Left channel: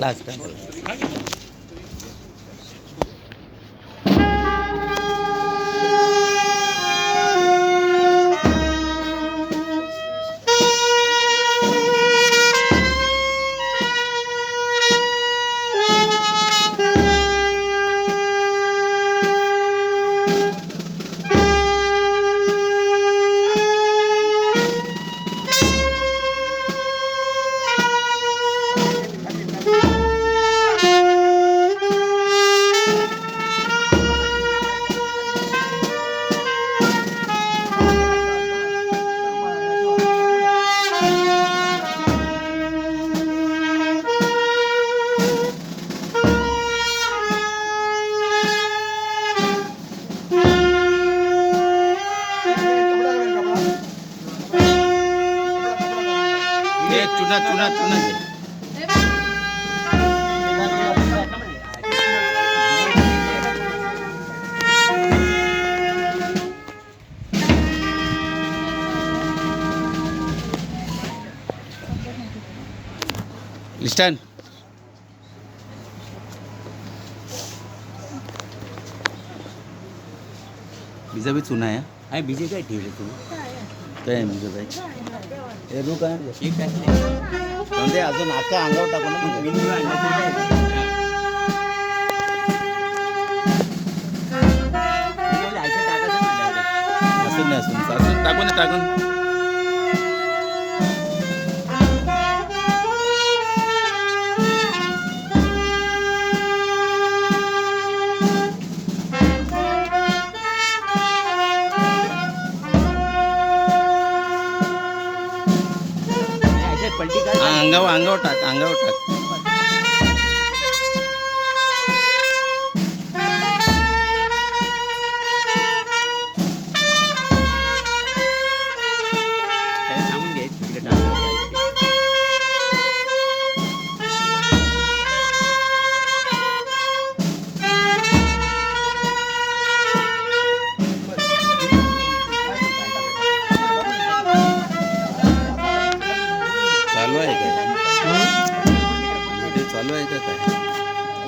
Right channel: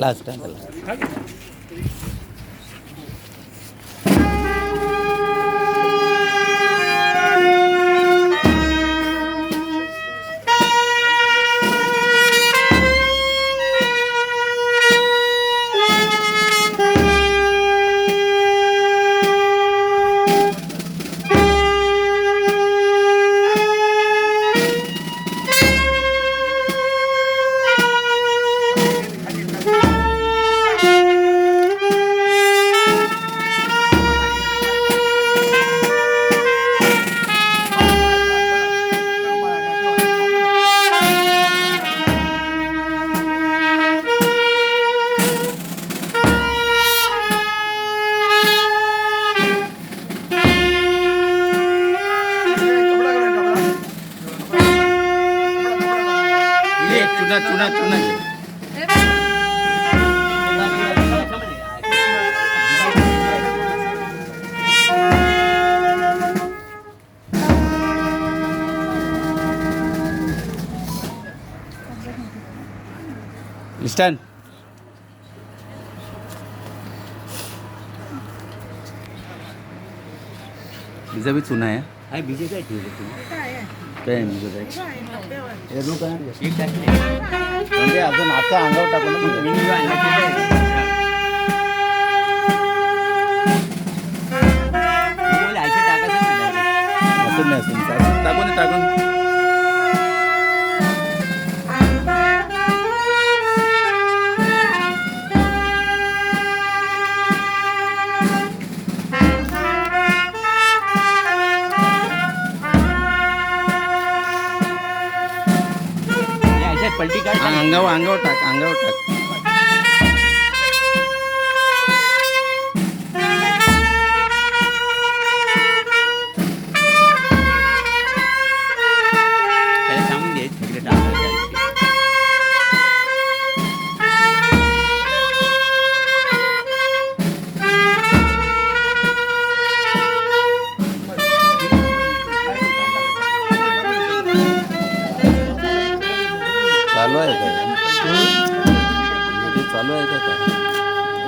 class का त्याला चुना चुना चुना लिस्टन बीजा भी चुना है बीजे काय ठेवलं काय बीजं काय हे रू काय म्हणजे अजून आता अंगावर टाकू ना असं नाही असं टाकून टाकून अंगावर टाक अंगावर टाक चालू आहे काय चालू आहे का काय